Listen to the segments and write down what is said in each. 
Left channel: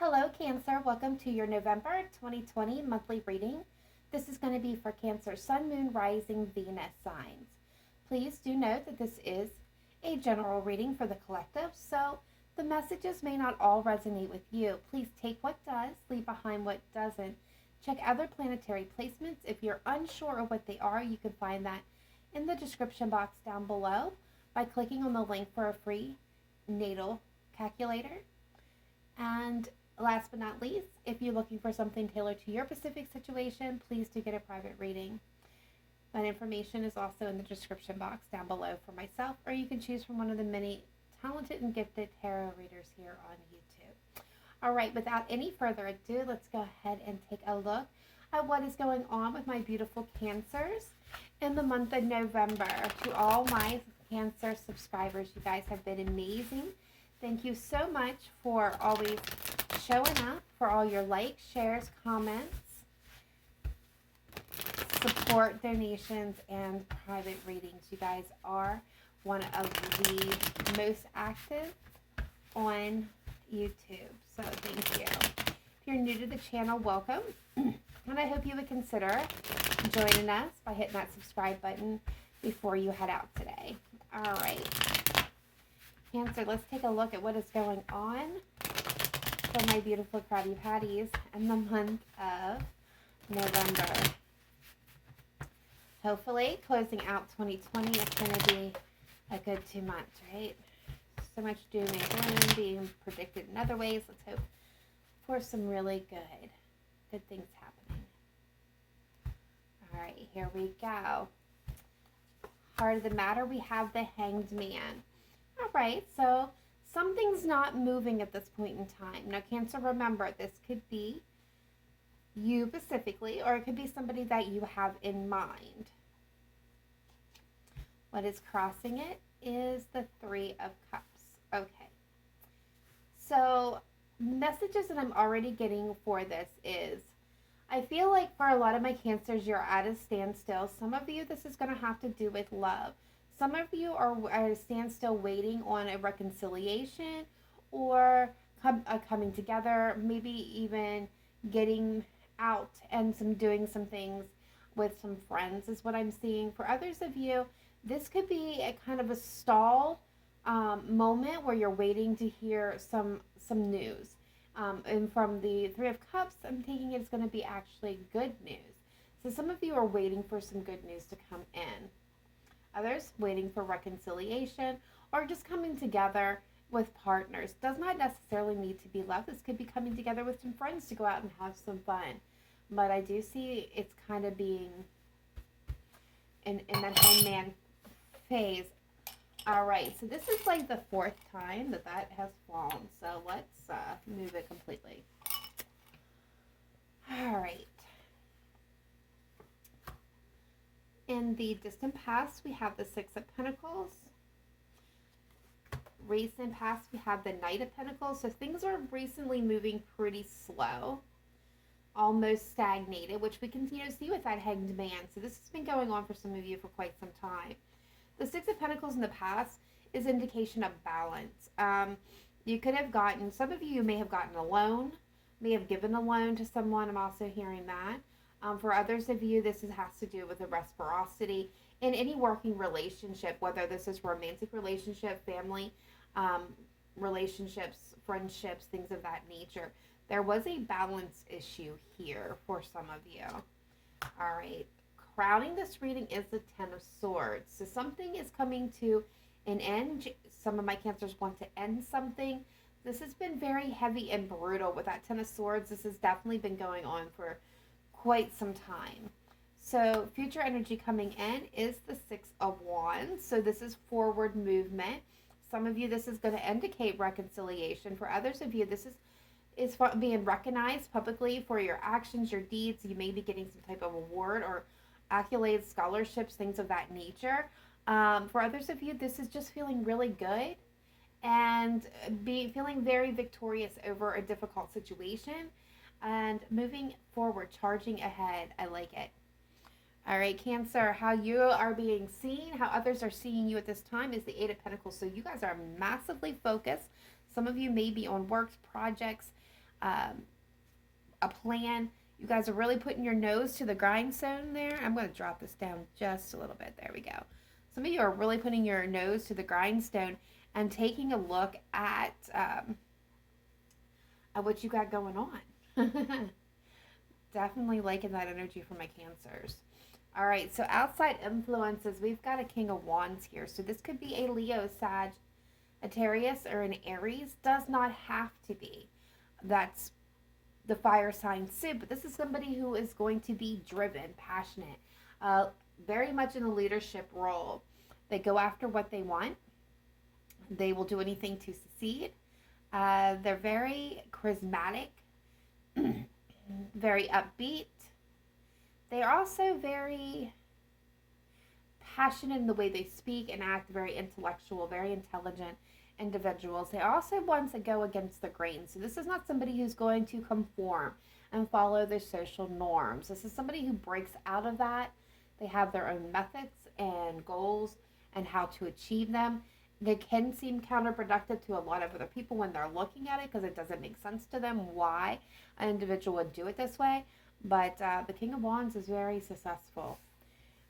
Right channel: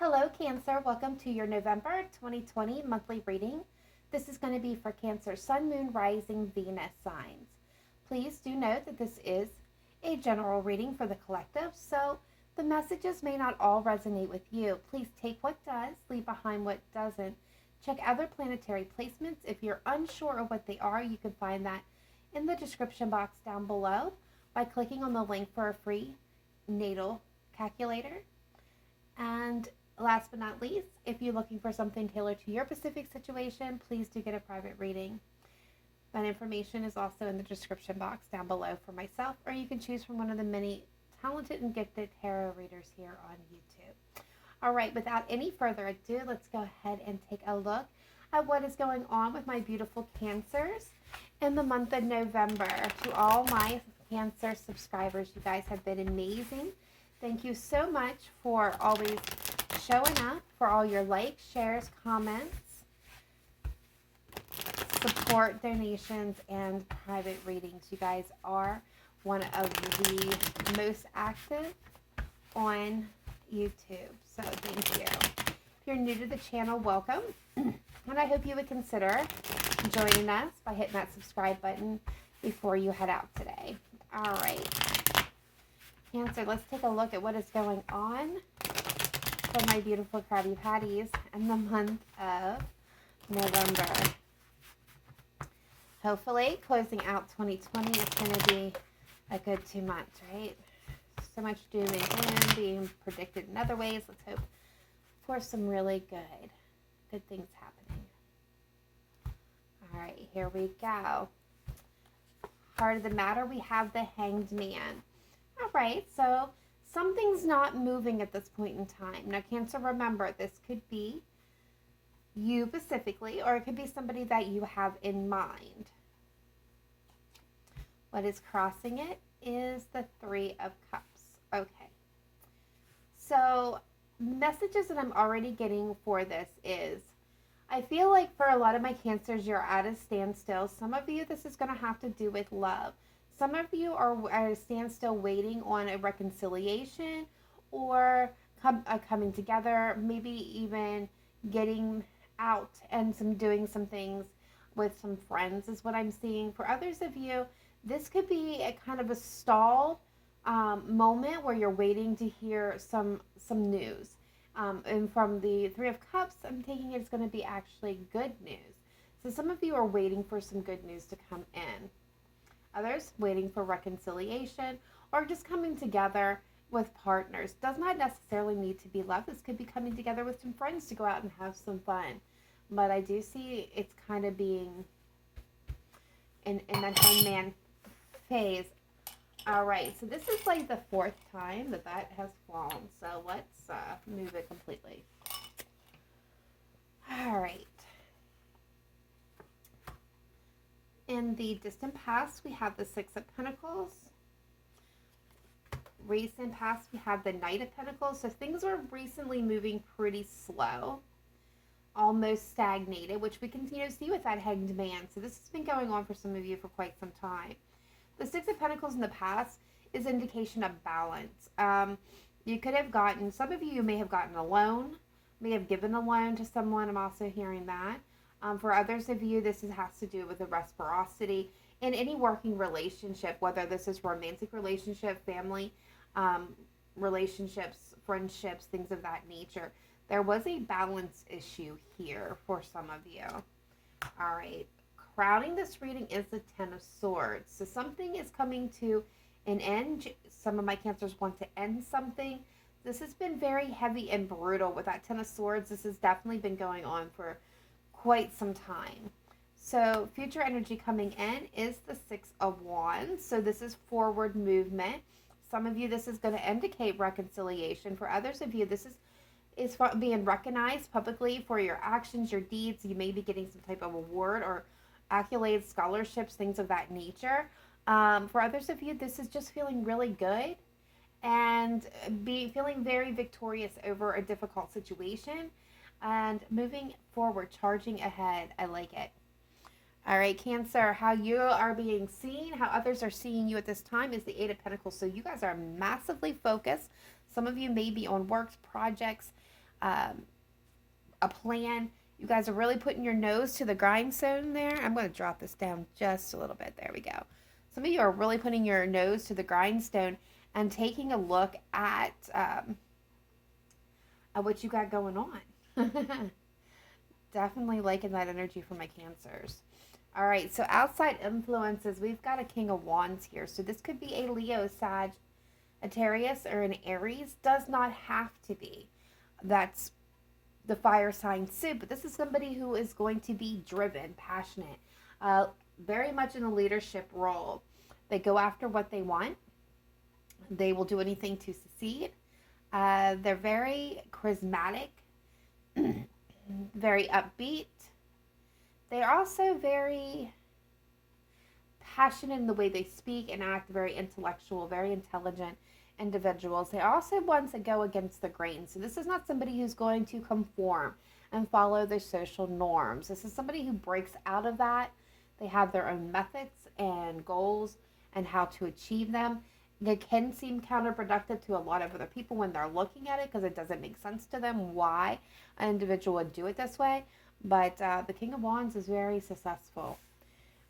Hello, Cancer. Welcome to your November 2020 monthly reading. This is going to be for Cancer, Sun, Moon, Rising, Venus signs. Please do note that this is a general reading for the collective, so the messages may not all resonate with you. Please take what does, leave behind what doesn't. Check other planetary placements. If you're unsure of what they are, you can find that in the description box down below by clicking on the link for a free natal calculator. And last but not least, if you're looking for something tailored to your specific situation, please do get a private reading. That information is also in the description box down below for myself, or you can choose from one of the many talented and gifted tarot readers here on YouTube. All right, without any further ado, let's go ahead and take a look at what is going on with my beautiful Cancers in the month of November. To all my Cancer subscribers, you guys have been amazing. Thank you so much for always showing up, for all your likes, shares, comments, support, donations, and private readings. You guys are one of the most active on YouTube, so thank you. If you're new to the channel, welcome, and I hope you would consider joining us by hitting that subscribe button before you head out today. All right. Cancer, let's take a look at what is going on for my beautiful Krabby Patties in the month of November. Hopefully, closing out 2020 is going to be a good 2 months, right? So much doom and gloom being predicted in other ways. Let's hope for some really good things happening. All right, here we go. Heart of the matter, we have the Hanged Man. All right, so something's not moving at this point in time. Now, Cancer, remember, this could be you specifically, or it could be somebody that you have in mind. What is crossing it is the Three of Cups. Okay. So, messages that I'm already getting for this is, I feel like for a lot of my Cancers, you're at a standstill. Some of you, this is going to have to do with love. Some of you are at a standstill waiting on a reconciliation or coming together, maybe even getting out and doing some things with some friends is what I'm seeing. For others of you, this could be a kind of a stall moment where you're waiting to hear some news. And from the Three of Cups, I'm taking it's going to be actually good news. So some of you are waiting for some good news to come in. Others waiting for reconciliation or just coming together with partners. Does not necessarily need to be love. This could be coming together with some friends to go out and have some fun. But I do see it's kind of being in that hangman phase. All right, so this is like the fourth time that has fallen. So let's move it completely. All right. In the distant past, we have the Six of Pentacles. Recent past, we have the Knight of Pentacles. So things are recently moving pretty slow, almost stagnated, which we continue to see with that Hanged Man. So this has been going on for some of you for quite some time. The Six of Pentacles in the past is indication of balance. You could have gotten, some of you may have gotten a loan, may have given a loan to someone. I'm also hearing that. For others of you, this has to do with the reciprocity in any working relationship, whether this is romantic relationship, family relationships, friendships, things of that nature. There was a balance issue here for some of you. All right. Crowning this reading is the Ten of Swords. So something is coming to an end. Some of my Cancers want to end something. This has been very heavy and brutal with that Ten of Swords. This has definitely been going on for quite some time. So future energy coming in is the Six of Wands. So this is forward movement. Some of you, this is going to indicate reconciliation. For others of you, this is being recognized publicly for your actions, your deeds. You may be getting some type of award or accolades, scholarships, things of that nature. For others of you, this is just feeling really good and feeling very victorious over a difficult situation. And moving forward, charging ahead. I like it. All right, Cancer, how you are being seen, how others are seeing you at this time is the Eight of Pentacles. So you guys are massively focused. Some of you may be on works, projects, a plan. You guys are really putting your nose to the grindstone there. I'm going to drop this down just a little bit. There we go. Some of you are really putting your nose to the grindstone and taking a look at what you got going on. Definitely liking that energy from my Cancers. All right, so outside influences, we've got a King of Wands here. So this could be a Leo, Sagittarius, or an Aries. Does not have to be. That's the fire sign suit, but this is somebody who is going to be driven, passionate, very much in a leadership role. They go after what they want. They will do anything to succeed. They're very charismatic, very upbeat. They're also very passionate in the way they speak and act, very intellectual, very intelligent individuals. They're also ones that go against the grain. So this is not somebody who's going to conform and follow the social norms. This is somebody who breaks out of that. They have their own methods and goals and how to achieve them. They can seem counterproductive to a lot of other people when they're looking at it because it doesn't make sense to them why an individual would do it this way. But the King of Wands is very successful.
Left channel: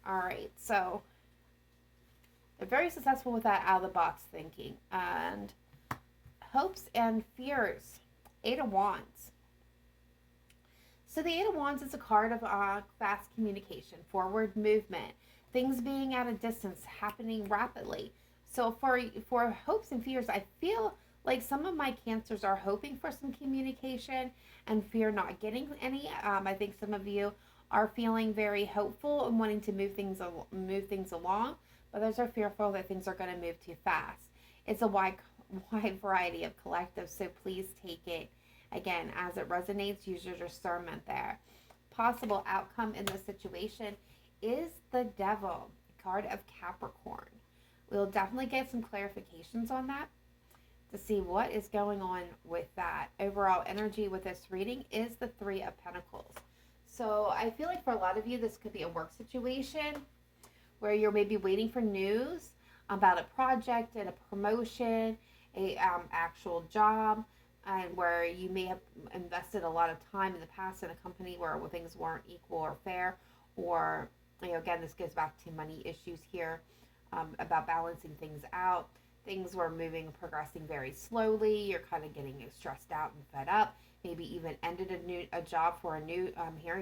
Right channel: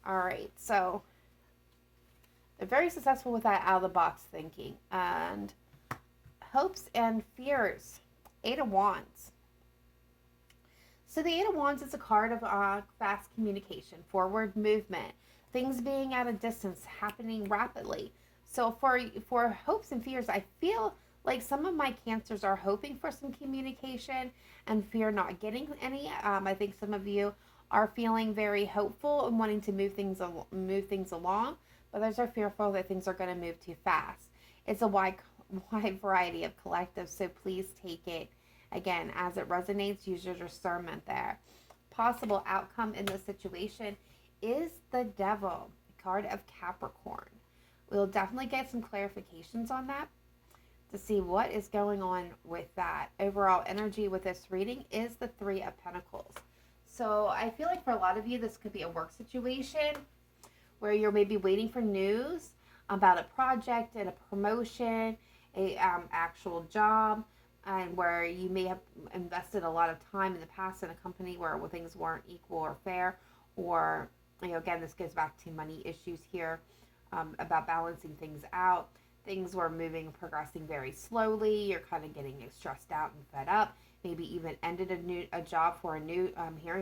All right, so they're very successful with that out-of-the-box thinking. And hopes and fears. Eight of Wands. So the Eight of Wands is a card of fast communication, forward movement, things being at a distance, happening rapidly. So for hopes and fears, I feel like some of my Cancers are hoping for some communication and fear not getting any. I think some of you are feeling very hopeful and wanting to move things along, but others are fearful that things are going to move too fast. It's a wide variety of collectives, so please take it, again, as it resonates. Use your discernment there. Possible outcome in this situation is the Devil, card of Capricorn. We'll definitely get some clarifications on that to see what is going on with that. Overall energy with this reading is the Three of Pentacles. So I feel like for a lot of you, this could be a work situation where you're maybe waiting for news about a project and a promotion, a actual job, and where you may have invested a lot of time in the past in a company where things weren't equal or fair, or, again, this goes back to money issues here, about balancing things out. Things were moving and progressing very slowly. You're kind of getting stressed out and fed up. Maybe even ended a job for a new,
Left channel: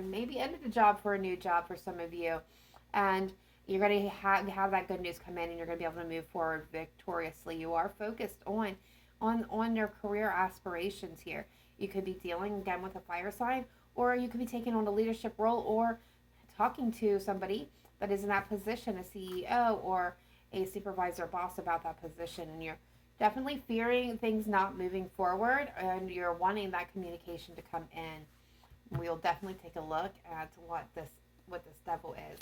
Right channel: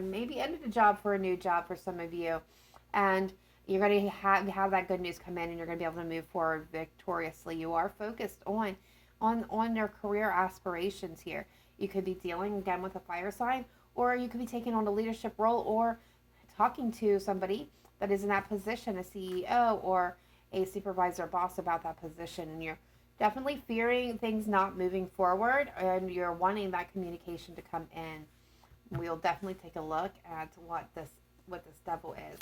maybe ended a job for a new job for some of you. And you're going to have that good news come in, and you're going to be able to move forward victoriously. You are focused on your career aspirations here. You could be dealing, again, with a fire sign, or you could be taking on a leadership role or talking to somebody that is in that position, a CEO or a supervisor boss, about that position, and you're definitely fearing things not moving forward, and you're wanting that communication to come in. We'll definitely take a look at what this Devil is.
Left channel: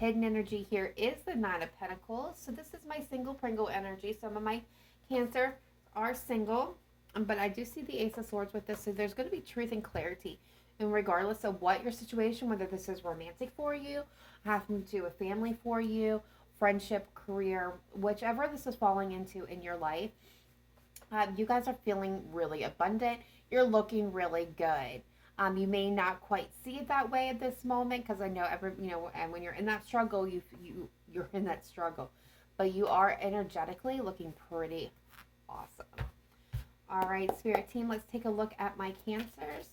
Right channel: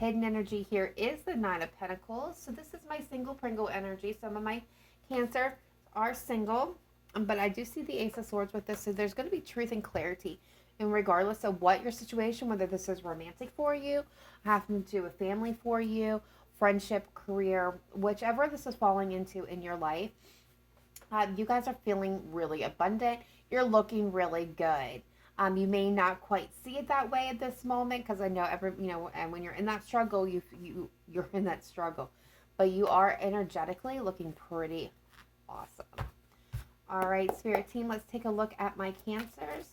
Hidden energy here is the Nine of Pentacles. So this is my single Pringle energy. Some of my Cancer are single, but I do see the Ace of Swords with this. So there's going to be truth and clarity, and regardless of what your situation, whether this is romantic for you, having to do with family for you, friendship, career, whichever this is falling into in your life, you guys are feeling really abundant. You're looking really good. You may not quite see it that way at this moment, because I know and when you're in that struggle, you're in that struggle, but you are energetically looking pretty awesome. All right, Spirit team, let's take a look at my Cancers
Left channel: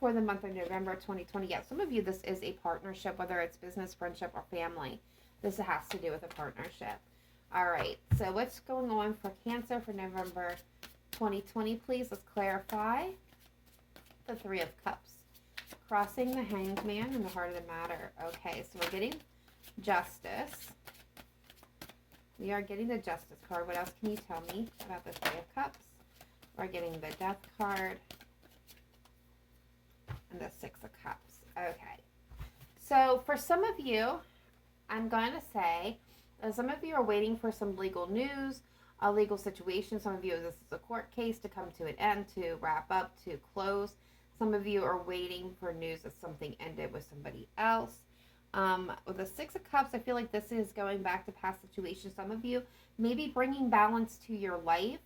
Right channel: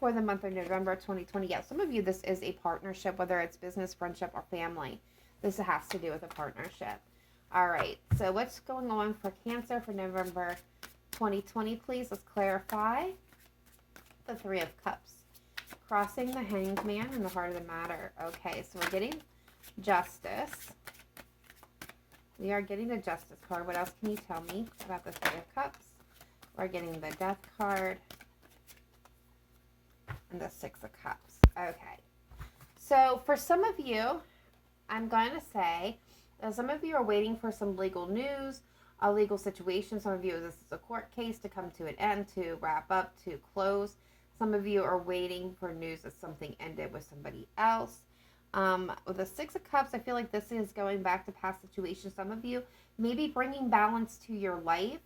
for the month of November 2020. Yeah, some of you, this is a partnership, whether it's business, friendship, or family. This has to do with a partnership. All right, so what's going on for Cancer for November 2020, please? Let's clarify. The Three of Cups. Crossing the Hanged Man and the Heart of the Matter. Okay, so we're getting Justice. We are getting the Justice card. What else can you tell me about the Three of Cups? We're getting the Death card and the Six of Cups. Okay. So for some of you, I'm going to say that some of you are waiting for some legal news, a legal situation. Some of you, this is a court case to come to an end, to wrap up, to close. Some of you are waiting for news that something ended with somebody else. With the Six of Cups, I feel like this is going back to past situations. Some of you may be bringing balance to your life,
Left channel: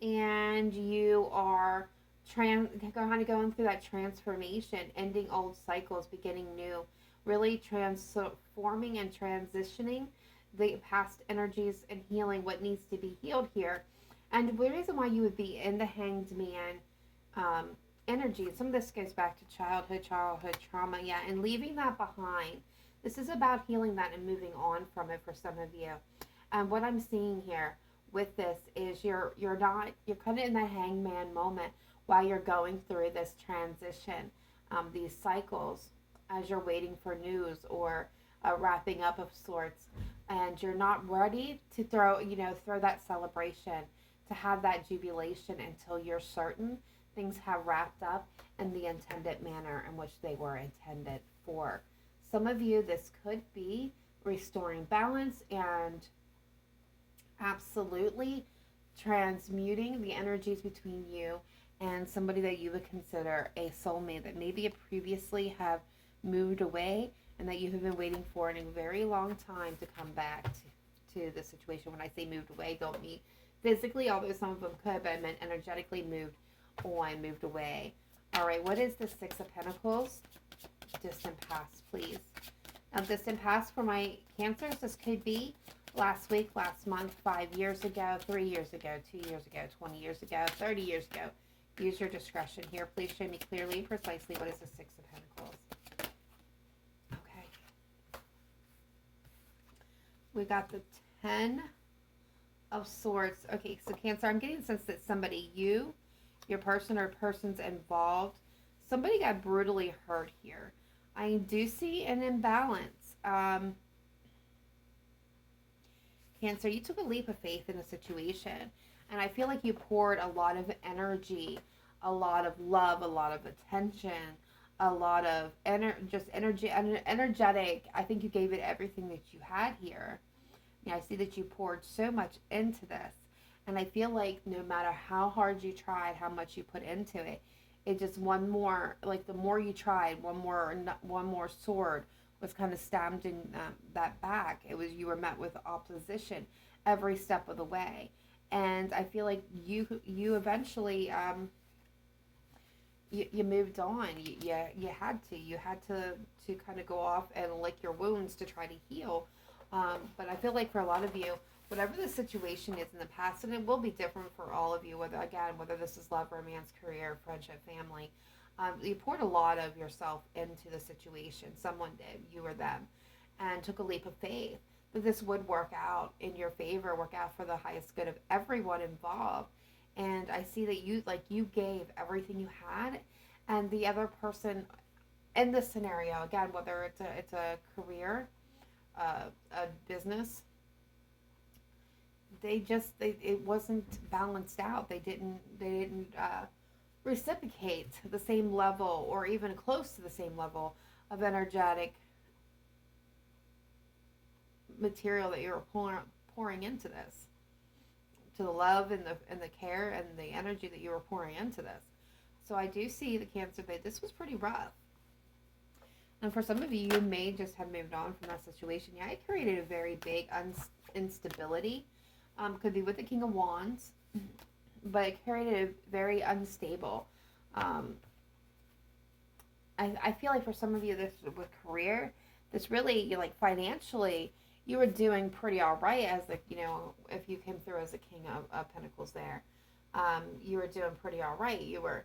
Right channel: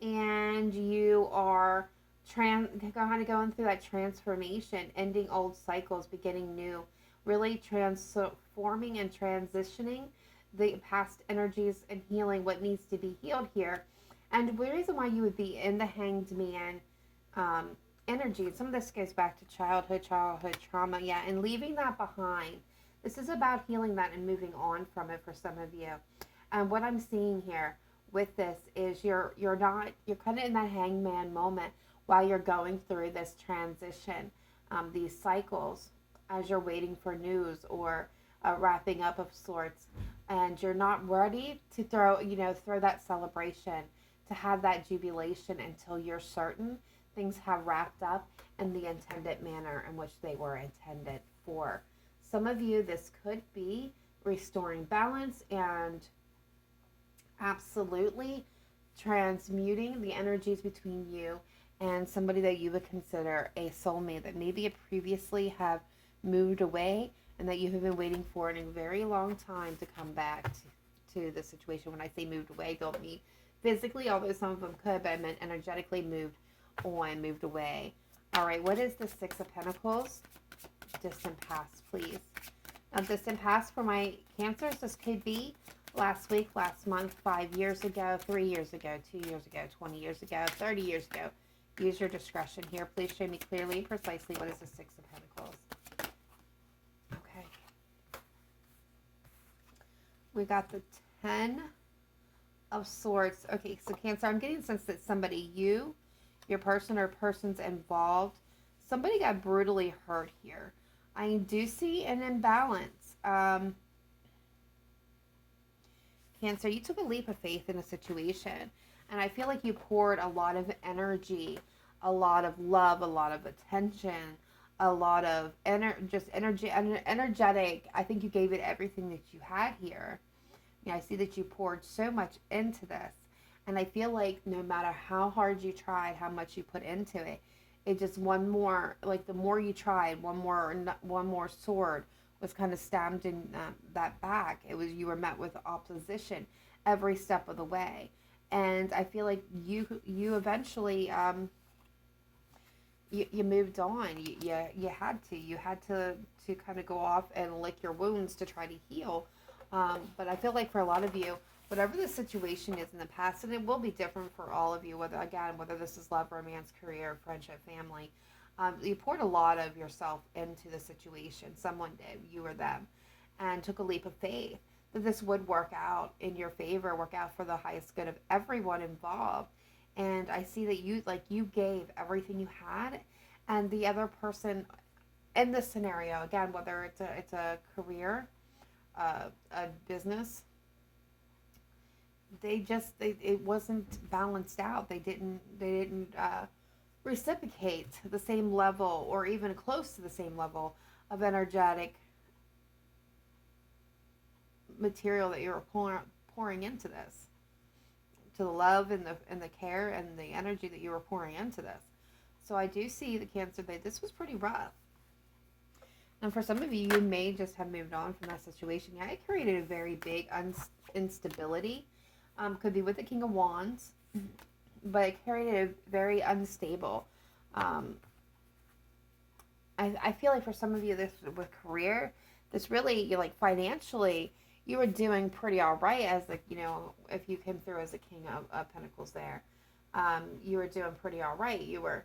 and you are kind of going through that transformation, ending old cycles, beginning new, really transforming and transitioning the past energies and healing what needs to be healed here. And the reason why you would be in the Hanged Man um, energy, some of this goes back to childhood trauma, yeah, and leaving that behind. This is about healing that and moving on from it for some of you. And what I'm seeing here with this is you're kind of in that hangman moment while you're going through this transition, these cycles, as you're waiting for news or wrapping up of sorts, and you're not ready to throw that celebration, to have that jubilation until you're certain things have wrapped up in the intended manner in which they were intended for. Some of you, this could be restoring balance and absolutely transmuting the energies between you and somebody that you would consider a soulmate that maybe previously have moved away and that you have been waiting for in a very long time to come back to the situation. When I say moved away, don't mean physically, although some of them could, but I meant energetically moved away. All right, what is the Six of Pentacles? Distant past, please. Now, distant past for my Cancers, this could be last week, last month, 5 years ago, 3 years ago, 2 years ago, 20 years ago, 30 years ago. Use your discretion here. Please show me clearly and precisely what is the Six of Pentacles. Okay. We got the 10 of Swords. Okay, so Cancer, I'm getting the sense that somebody, your person or persons involved, somebody got brutally hurt here. I do see an imbalance. Cancer, you took a leap of faith in a situation, and I feel like you poured a lot of energy, a lot of love, a lot of attention, a lot of energetic. I think you gave it everything that you had here. I see that you poured so much into this, and I feel like no matter how hard you tried, how much you put into it, it just one more, like the more you tried, one more sword was kind of stabbed in that back. It was, you were met with opposition every step of the way, and I feel like you eventually you moved on. You had to kind of go off and lick your wounds to try to heal. But I feel like for a lot of you, whatever the situation is in the past, and it will be different for all of you, whether this is love, romance, career, friendship, family, you poured a lot of yourself into the situation. Someone did, you or them, and took a leap of faith that this would work out in your favor, work out for the highest good of everyone involved. And I see that you gave everything you had, and the other person in this scenario, again, whether it's a career, a business, it wasn't balanced out. They didn't reciprocate the same level or even close to the same level of energetic material that you were pouring into this, to the love and the care and the energy that you were pouring into this. So I do see the Cancer that this was pretty rough. And for some of you, you may just have moved on from that situation. Yeah, it created a very big instability. Could be with the King of Wands, but it created a very unstable. I feel like for some of you, this with career, this really, like financially, you were doing pretty all right as if you came through as a King of Pentacles there, you were doing pretty all right. You were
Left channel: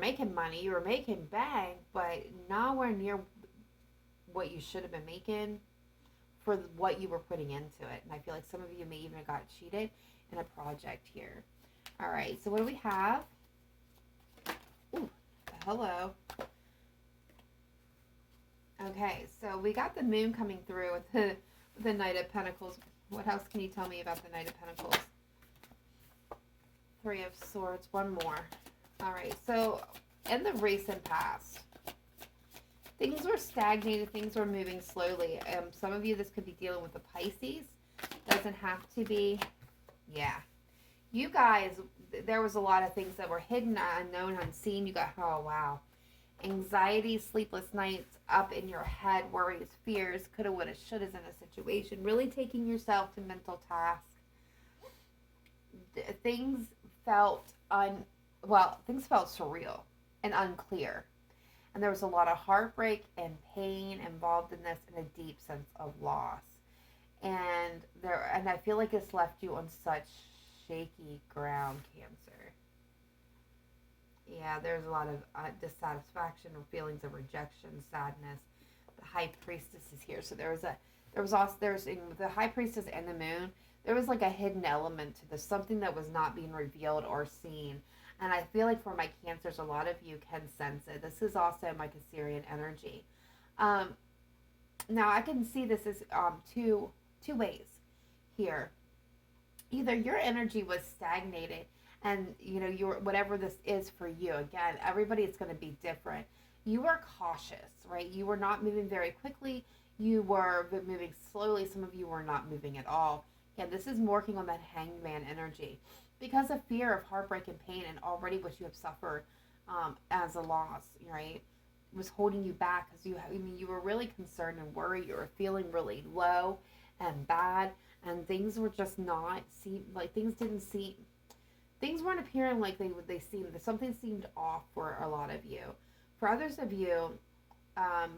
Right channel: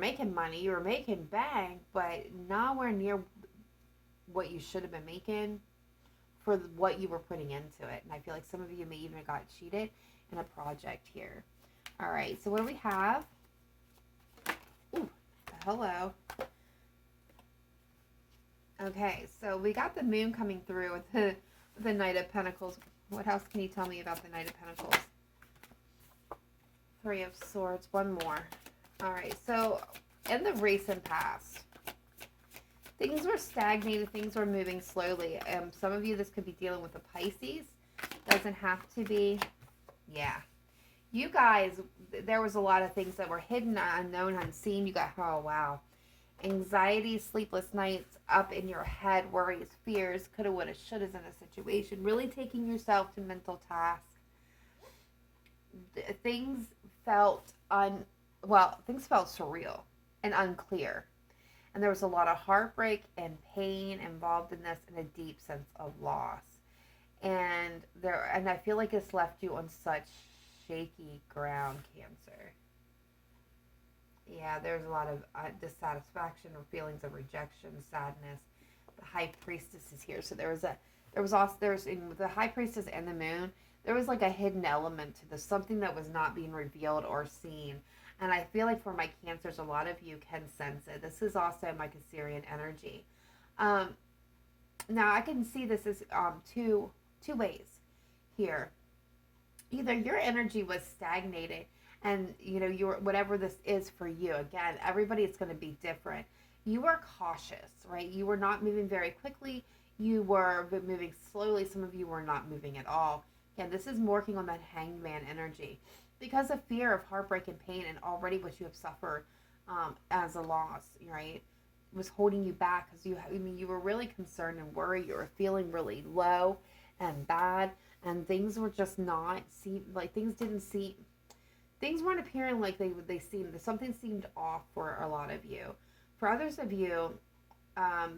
making money, you were making bank, but nowhere near what you should have been making for what you were putting into it. And I feel like some of you may even have got cheated in a project here. All right, so what do we have? Ooh, hello. Okay, so we got the Moon coming through with the Knight of Pentacles. What else can you tell me about the Knight of Pentacles? Three of Swords, one more. All right, so in the recent past, things were stagnated, things were moving slowly. Some of you, this could be dealing with the Pisces. Doesn't have to be. Yeah. You guys, there was a lot of things that were hidden, unknown, unseen. You got, oh, wow. Anxiety, sleepless nights, up in your head, worries, fears, coulda, woulda, shouldas in a situation. Really taking yourself to mental task. Things felt well, things felt surreal and unclear. And there was a lot of heartbreak and pain involved in this and a deep sense of loss. And I feel like it's left you on such shaky ground, Cancer. Yeah, there's a lot of dissatisfaction or feelings of rejection, sadness. The High Priestess is here, so there was also there's in the High Priestess and the Moon. There was like a hidden element to this, something that was not being revealed or seen. And I feel like for my Cancers, a lot of you can sense it. This is also my Cancerian energy. Um, Now I can see this as two ways here. Either your energy was stagnated and your whatever this is for you, again, everybody is going to be different. You were cautious, right? You were not moving very quickly. You were moving slowly. Some of you were not moving at all. Again, this is working on that hangman energy because of fear of heartbreak and pain and already what you have suffered as a loss, right? Was holding you back because you were really concerned and worried. You were feeling really low and bad, and things were just not seem like things weren't appearing like they seemed. Something seemed off for a lot of you. For others of you,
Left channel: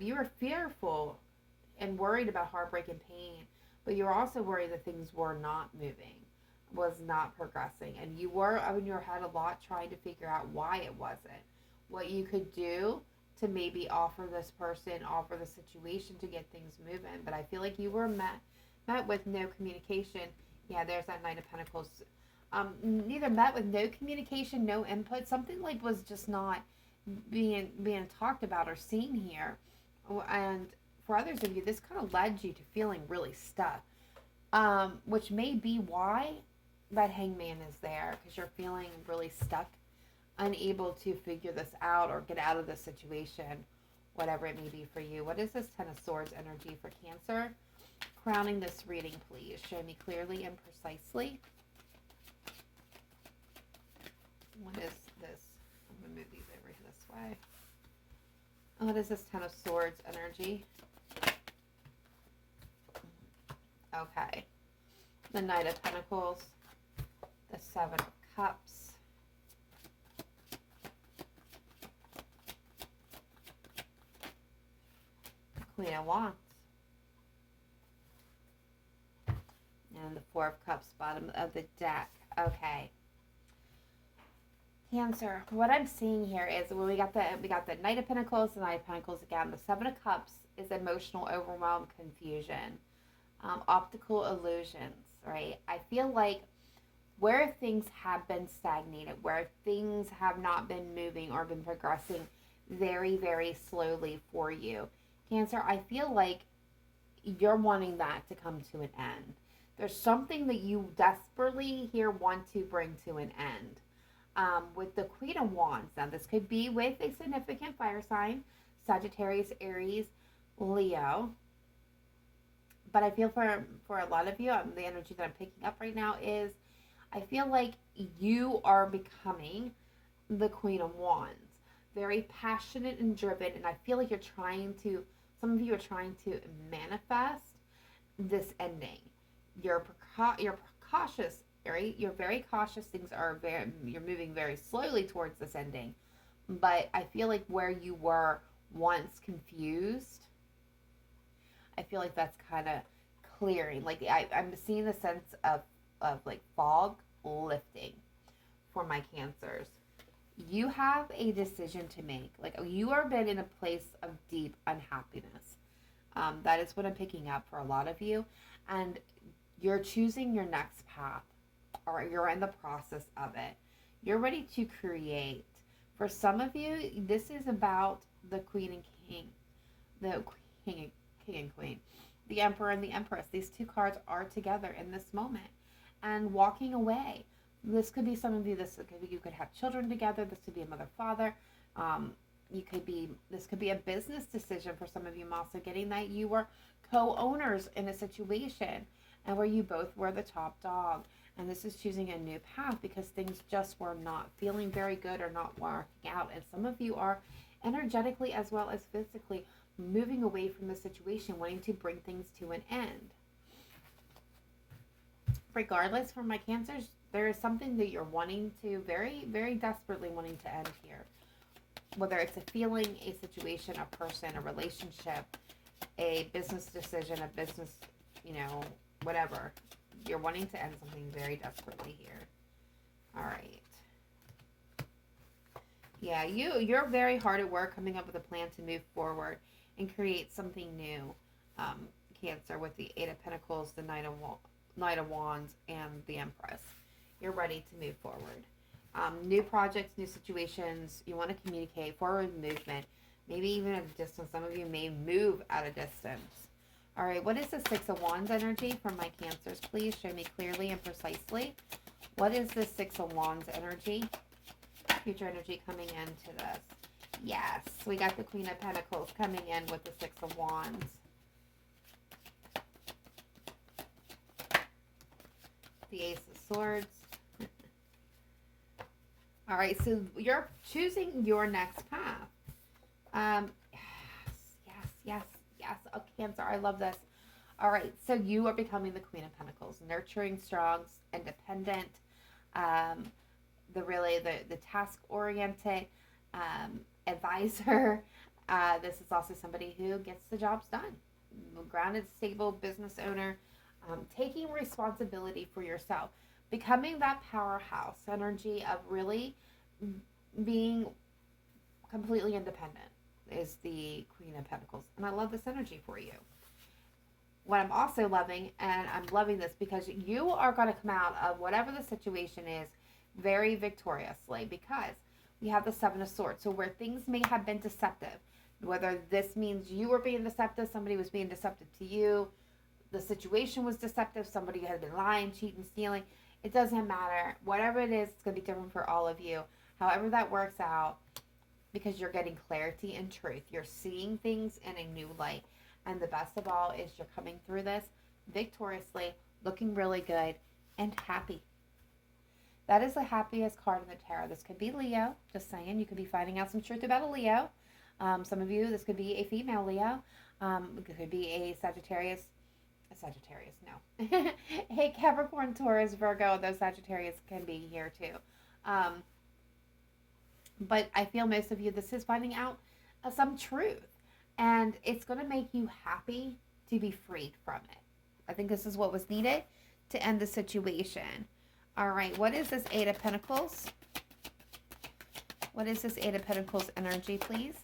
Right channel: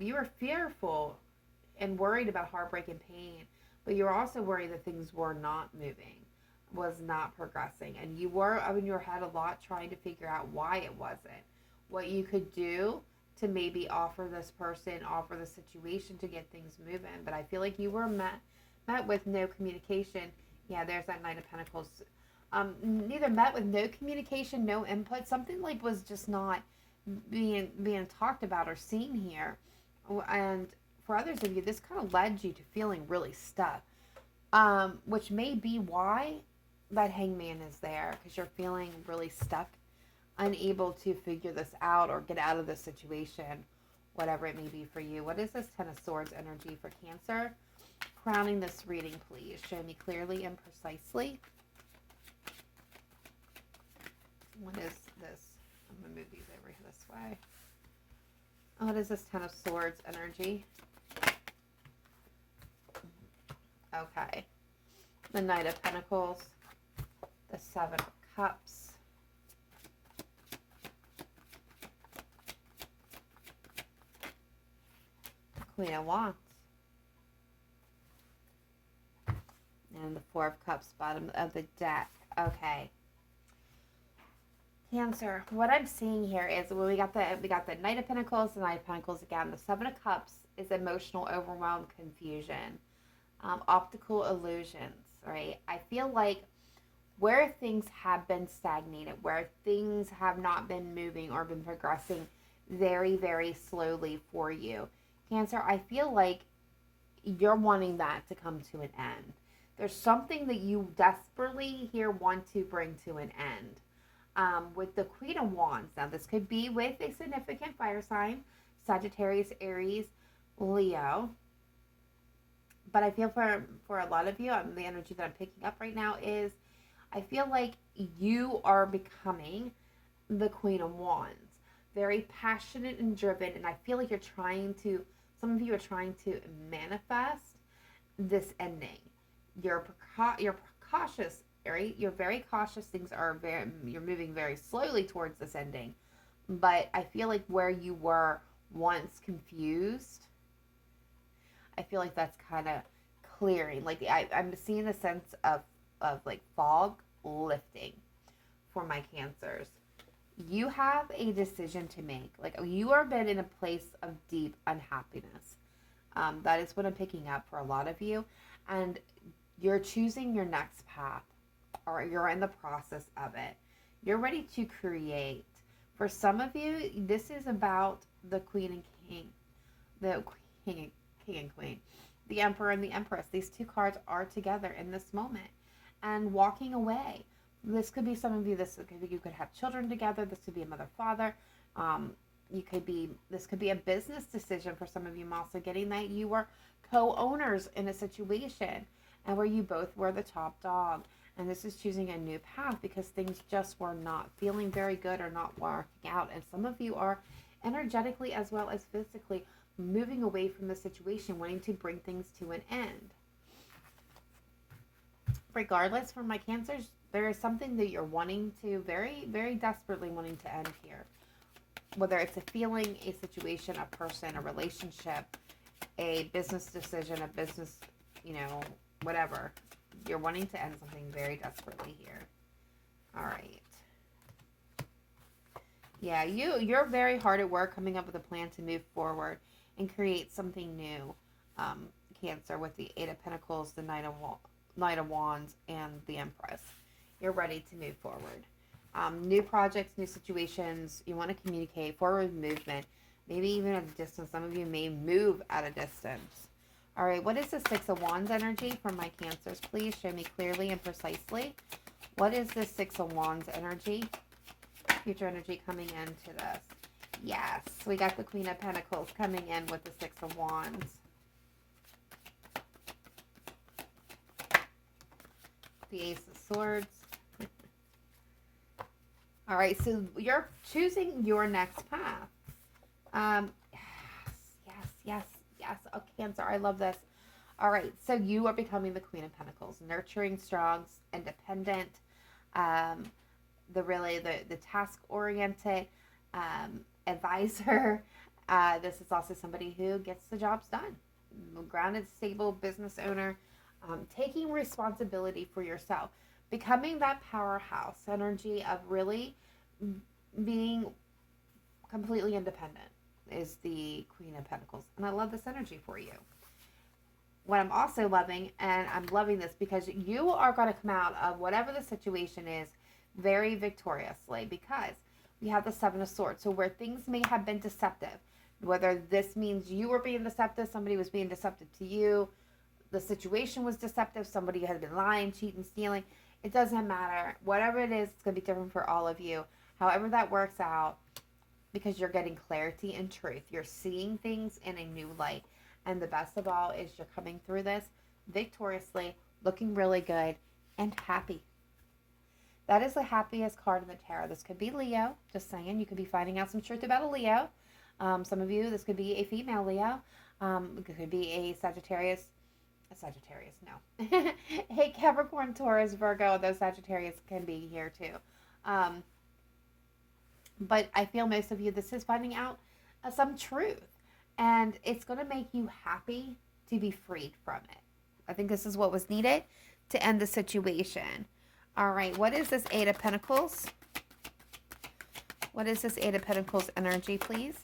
you were fearful and worried about heartbreak and pain, but you were also worried that things were not moving, was not progressing, and you were in your head a lot trying to figure out why it wasn't, what you could do to maybe offer this person, offer the situation to get things moving. But I feel like you were met with no communication. Yeah, there's that Knight of Pentacles. Neither met with no communication, no input. Something like was just not being talked about or seen here. And for others of you, this kind of led you to feeling really stuck, which may be why that Hangman is there, because you're feeling really stuck, unable to figure this out or get out of this situation, whatever it may be for you. What is this Ten of Swords energy for Cancer? Crowning this reading, please. Show me clearly and precisely. What is this? I'm going to move these over this way. What is this Ten of Swords energy? Okay. The Knight of Pentacles. The Seven of Cups. Queen of Wands. And the Four of Cups, bottom of the deck. Okay. Cancer, what I'm seeing here is we got the Knight of Pentacles, the Knight of Pentacles again. The Seven of Cups is emotional overwhelm, confusion, optical illusions, right? I feel like where things have been stagnated, where things have not been moving or been progressing very, very slowly for you, Cancer, I feel like you're wanting that to come to an end. There's something that you desperately here want to bring to an end. With the Queen of Wands, now this could be with a significant fire sign, Sagittarius, Aries, Leo. But I feel for a lot of you, the energy that I'm picking up right now is, I feel like you are becoming the Queen of Wands. Very passionate and driven, and I feel like some of you are trying to manifest this ending. You're cautious, right? You're very cautious. You're moving very slowly towards this ending. But I feel like where you were once confused, I feel like that's kind of clearing. Like I'm seeing a sense of like fog lifting for my Cancers. You have a decision to make. Like you are been in a place of deep unhappiness. That is what I'm picking up for a lot of you. And you're choosing your next path, or you're in the process of it. You're ready to create. For some of you, this is about the Queen and King. The King and Queen. The Emperor and the Empress. These two cards are together in this moment. And walking away. This could be some of you, you could have children together. This could be a mother-father. This could be a business decision for some of you. I'm also getting that you were co-owners in a situation and where you both were the top dog. And this is choosing a new path because things just were not feeling very good or not working out. And some of you are energetically as well as physically moving away from the situation, wanting to bring things to an end. Regardless, for my Cancers, There is something that you're wanting to, very, very desperately wanting to end here. Whether it's a feeling, a situation, a person, a relationship, a business decision, a business, you know, whatever. You're wanting to end something very desperately here. All right. Yeah, you're very hard at work coming up with a plan to move forward and create something new. Cancer, with the Eight of Pentacles, the Knight of Wands, and the Empress. You're ready to move forward. New projects, new situations. You want to communicate, forward movement, maybe even at a distance. Some of you may move at a distance. All right, what is the Six of Wands energy for my Cancers? Please show me clearly and precisely. What is the Six of Wands energy? Future energy coming into this. Yes, we got the Queen of Pentacles coming in with the Six of Wands. The Ace of Swords. All right, so you're choosing your next path. Yes. Oh, Cancer, I love this. All right, so you are becoming the Queen of Pentacles, nurturing, strong, independent, the task-oriented advisor. This is also somebody who gets the jobs done. Grounded, stable business owner, taking responsibility for yourself, becoming that powerhouse energy of really being completely independent is the Queen of Pentacles. And I love this energy for you. What I'm also loving, and I'm loving this because you are going to come out of whatever the situation is very victoriously, because we have the Seven of Swords. So where things may have been deceptive, whether this means you were being deceptive, somebody was being deceptive to you, the situation was deceptive, somebody had been lying, cheating, stealing, it doesn't matter. Whatever it is, it's going to be different for all of you. However that works out, because you're getting clarity and truth. You're seeing things in a new light. And the best of all is you're coming through this victoriously, looking really good, and happy. That is the happiest card in the tarot. This could be Leo, just saying. You could be finding out some truth about a Leo. Some of you, this could be a female Leo. It could be a Sagittarius, no. Hey, Capricorn, Taurus, Virgo, those Sagittarius can be here too. But I feel most of you, this is finding out some truth. And it's going to make you happy to be freed from it. I think this is what was needed to end the situation. All right, what is this Eight of Pentacles? What is this Eight of Pentacles energy, please?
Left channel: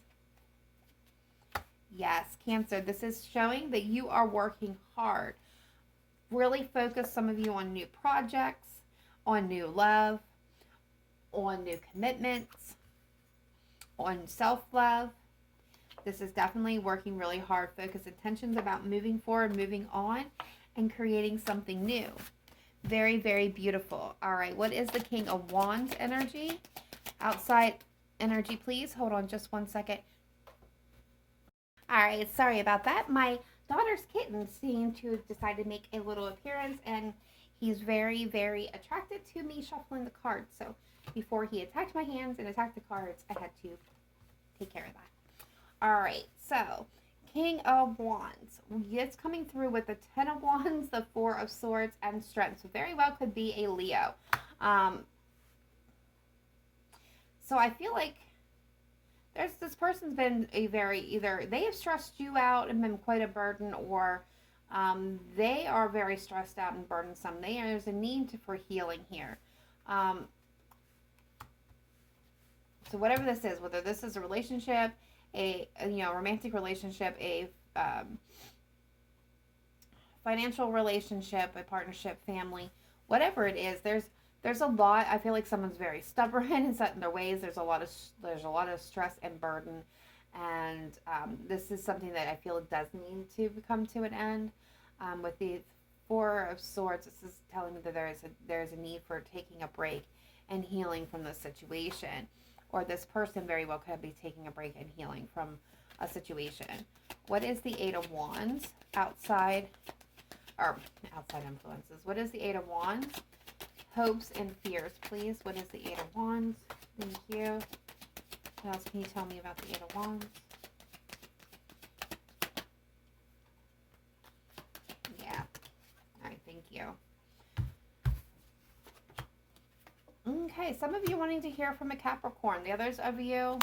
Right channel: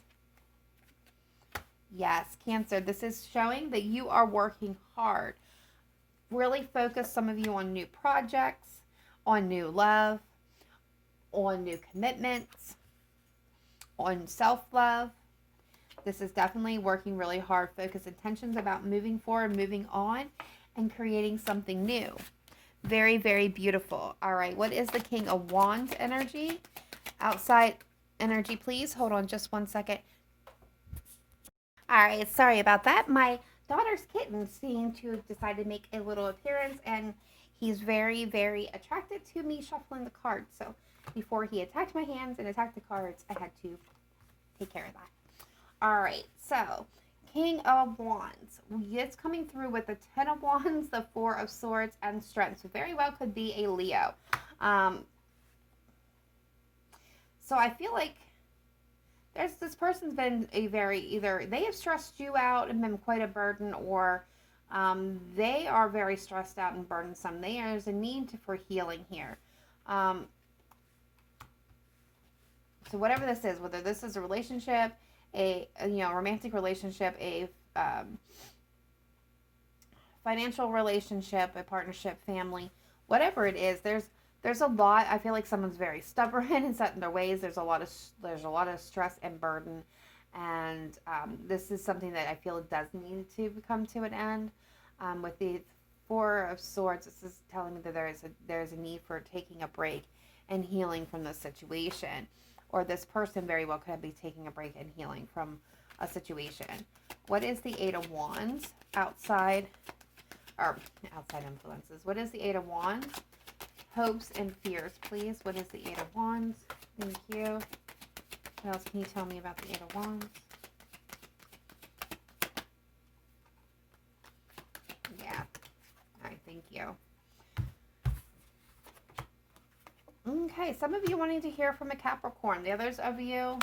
Yes, Cancer, this is showing that you are working hard. Really focus, some of you, on new projects, on new love, on new commitments, on self-love. This is definitely working really hard. Focus intentions about moving forward, moving on, and creating something new. Very, very beautiful. All right, what is the King of Wands energy? Outside energy, please. Hold on just one second. All right, sorry about that. My daughter's kitten seemed to decide to make a little appearance, and he's very, very attracted to me shuffling the cards. So before he attacked my hands and attacked the cards, I had to take care of that. All right, so King of Wands. It's coming through with the Ten of Wands, the Four of Swords, and Strength. So very well could be a Leo. So I feel like this person's been either they have stressed you out and been quite a burden, or they are very stressed out and burdensome. There's a need for healing here. So whatever this is, whether this is a relationship, a romantic relationship, a financial relationship, a partnership, family, whatever it is, there's a lot. I feel like someone's very stubborn and set in their ways. There's a lot of stress and burden, and this is something that I feel does need to come to an end. With the Four of Swords, this is telling me that there's a need for taking a break and healing from this situation. Or this person very well could be taking a break and healing from a situation. What is the Eight of Wands? Outside influences. What is the Eight of Wands? Hopes and fears, please. What is the Eight of Wands? Thank you. What else can you tell me about the Eight of Wands? Yeah. All right, thank you. wanting to hear from a Capricorn. The others of you,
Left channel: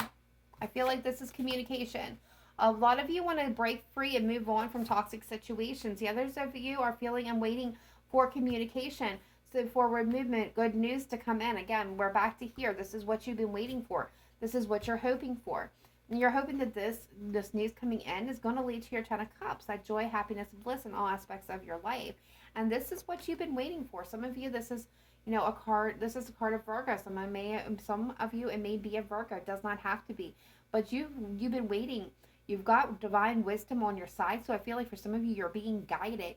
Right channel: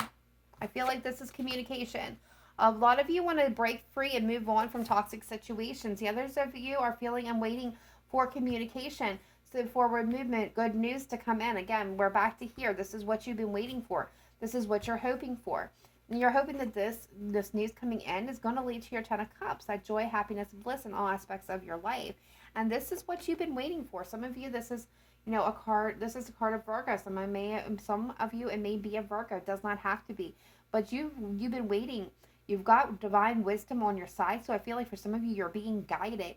I feel like this is communication. A lot of you want to break free and move on from toxic situations. The others of you are feeling and waiting for communication. So forward movement, good news to come in. Again, we're back to here. This is what you've been waiting for. This is what you're hoping for. And you're hoping that this news coming in is going to lead to your Ten of Cups, that joy, happiness, and bliss in all aspects of your life. And this is what you've been waiting for. Some of you, this is a card. This is a card of Virgo. Some of you, it may be a Virgo. It does not have to be. But you've been waiting. You've got divine wisdom on your side. So I feel like for some of you, you're being guided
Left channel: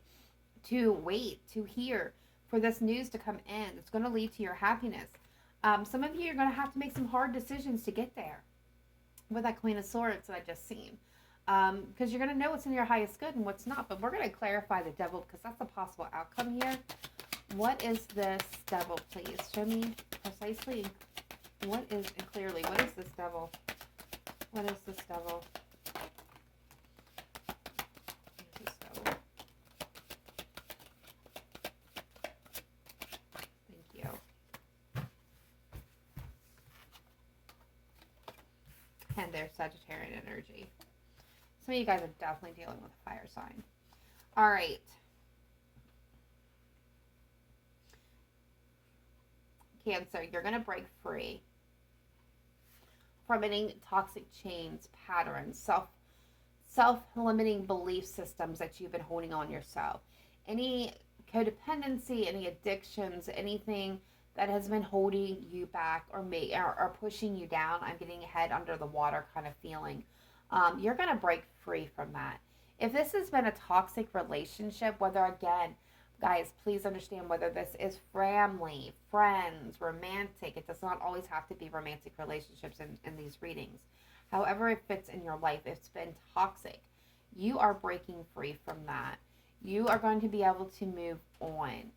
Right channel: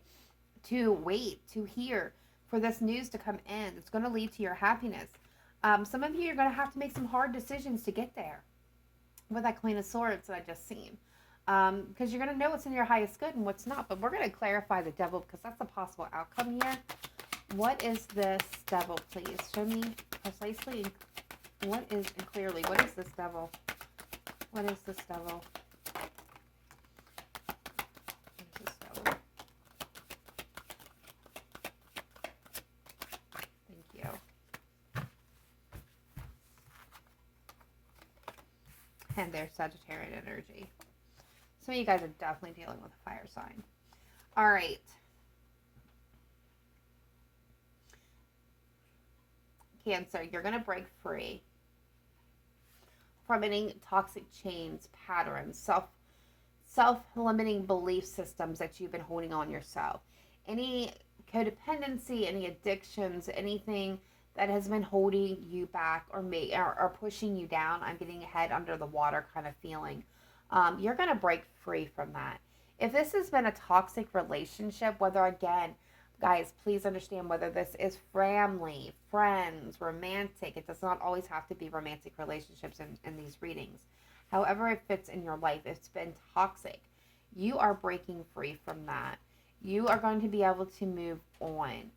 to wait, to hear, for this news to come in. It's going to lead to your happiness. Some of you are going to have to make some hard decisions to get there with that Queen of Swords that I just seen. Because you're going to know what's in your highest good and what's not. But we're going to clarify the Devil because that's a possible outcome here. What is this Devil, please? Show me precisely. What is, and clearly, what is this Devil? What is this Devil? And their Sagittarian energy. Some of you guys are definitely dealing with a fire sign. All right. Cancer, you're going to break free from any toxic chains, patterns, self-limiting belief systems that you've been holding on yourself. Any codependency, any addictions, anything that has been holding you back or pushing you down. I'm getting head under the water kind of feeling. You're going to break free from that. If this has been a toxic relationship, whether, again, guys, please understand whether this is family, friends, romantic. It does not always have to be romantic relationships in these readings. However it fits in your life, it's been toxic. You are breaking free from that. You are going to be able to move on.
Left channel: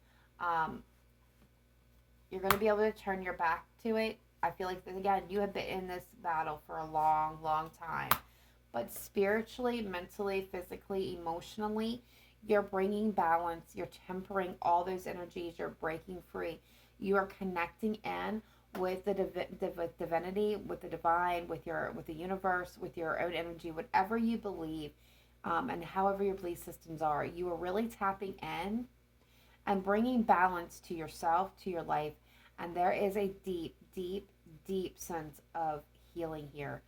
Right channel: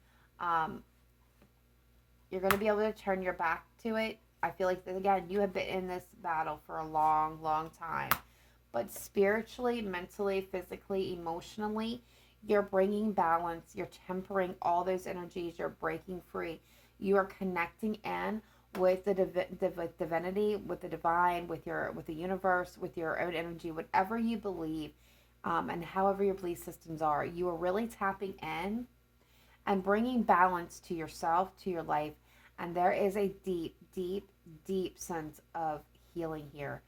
You're going to be able to turn your back to it. I feel like, again, you have been in this battle for a long, long time. But spiritually, mentally, physically, emotionally, you're bringing balance. You're tempering all those energies. You're breaking free. You are connecting in with the divinity, with the divine, with the universe, with your own energy, whatever you believe, and however your belief systems are. You are really tapping in and bringing balance to yourself, to your life. And there is a deep, deep, deep sense of healing here.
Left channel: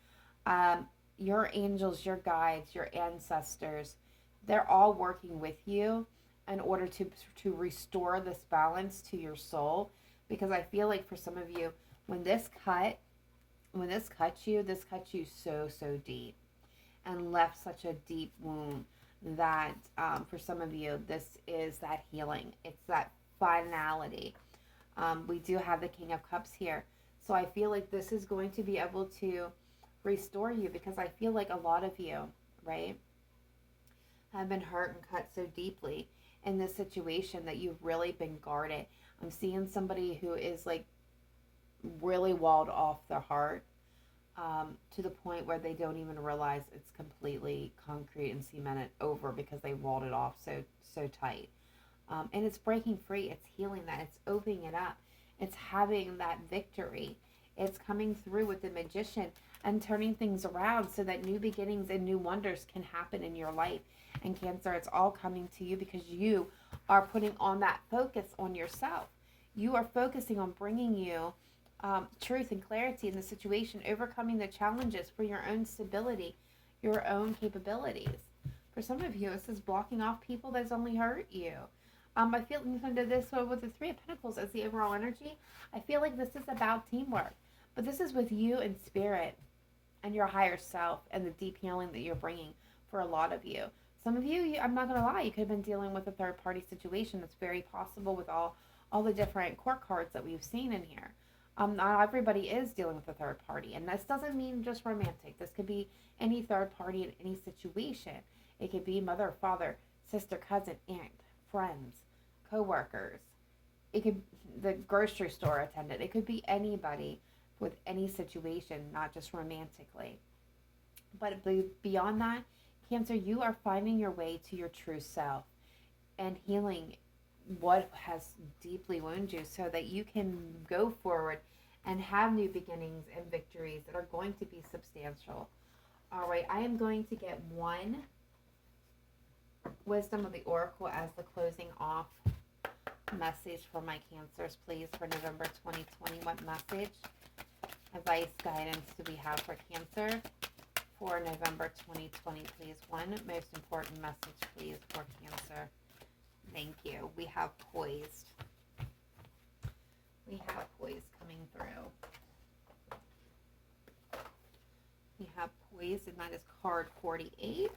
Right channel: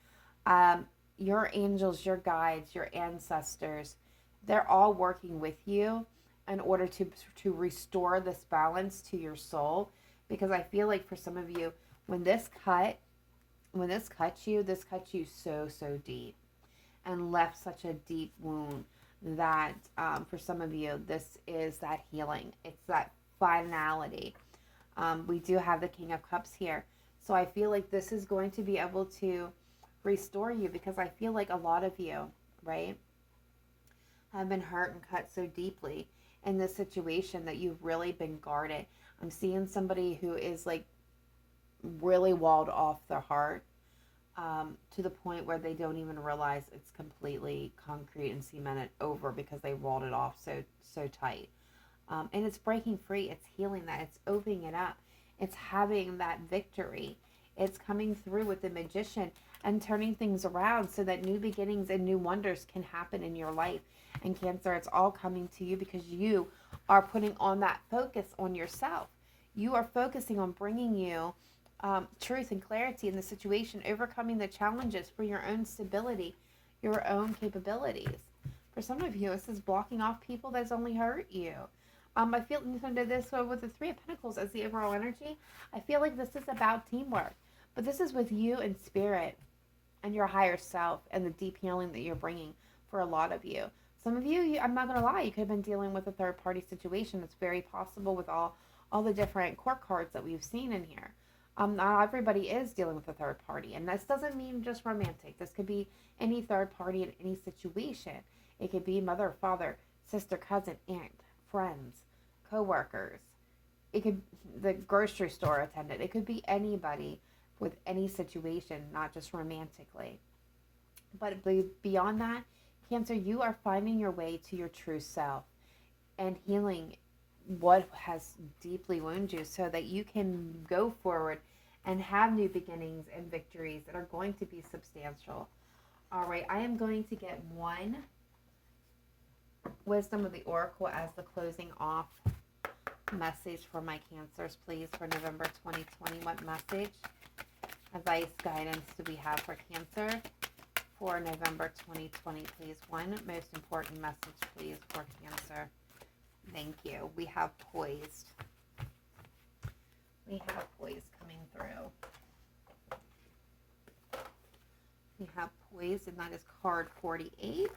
Your angels, your guides, your ancestors, they're all working with you in order to restore this balance to your soul. Because I feel like for some of you, when this cuts you so, so deep and left such a deep wound that for some of you, this is that healing. It's that finality. We do have the King of Cups here. So I feel like this is going to be able to restore you, because I feel like a lot of you, right, have been hurt and cut so deeply in this situation that you've really been guarded. I'm seeing somebody who is like really walled off their heart, to the point where they don't even realize it's completely concrete and cemented over because they walled it off so tight. And it's breaking free. It's healing that. It's opening it up. It's having that victory. It's coming through with the Magician and turning things around so that new beginnings and new wonders can happen in your life. And Cancer, it's all coming to you because you are putting on that focus on yourself. You are focusing on bringing you truth and clarity in the situation, overcoming the challenges for your own stability, your own capabilities. For some of you, this is blocking off people that's only hurt you. I feel under this with the Three of Pentacles as the overall energy, I feel like this is about teamwork. But this is with you and spirit and your higher self and the deep healing that you're bringing for a lot of you. Some of you, I'm not going to lie, you could have been dealing with a third-party situation. That's very possible with all the different court cards that we've seen in here. Not everybody is dealing with a third party. And this doesn't mean just romantic. This could be any third party in any situation. It could be mother, father, sister, cousin, aunt, friends, co-workers. It could the grocery store attendant. It could be anybody with any situation, not just romantically. But beyond that, Cancer, you are finding your way to your true self and healing what has deeply wounded you so that you can go forward and have new beginnings and victories that are going to be substantial. All right, I am going to get one Wisdom of the Oracle as the closing off message for my Cancers, please, for November 2020. What message, advice, guidance do we have for Cancer for November 2020, please? One most important message, please, for Cancer. Thank you. We have poised. We have poise coming through. We have poise, and that is card 48.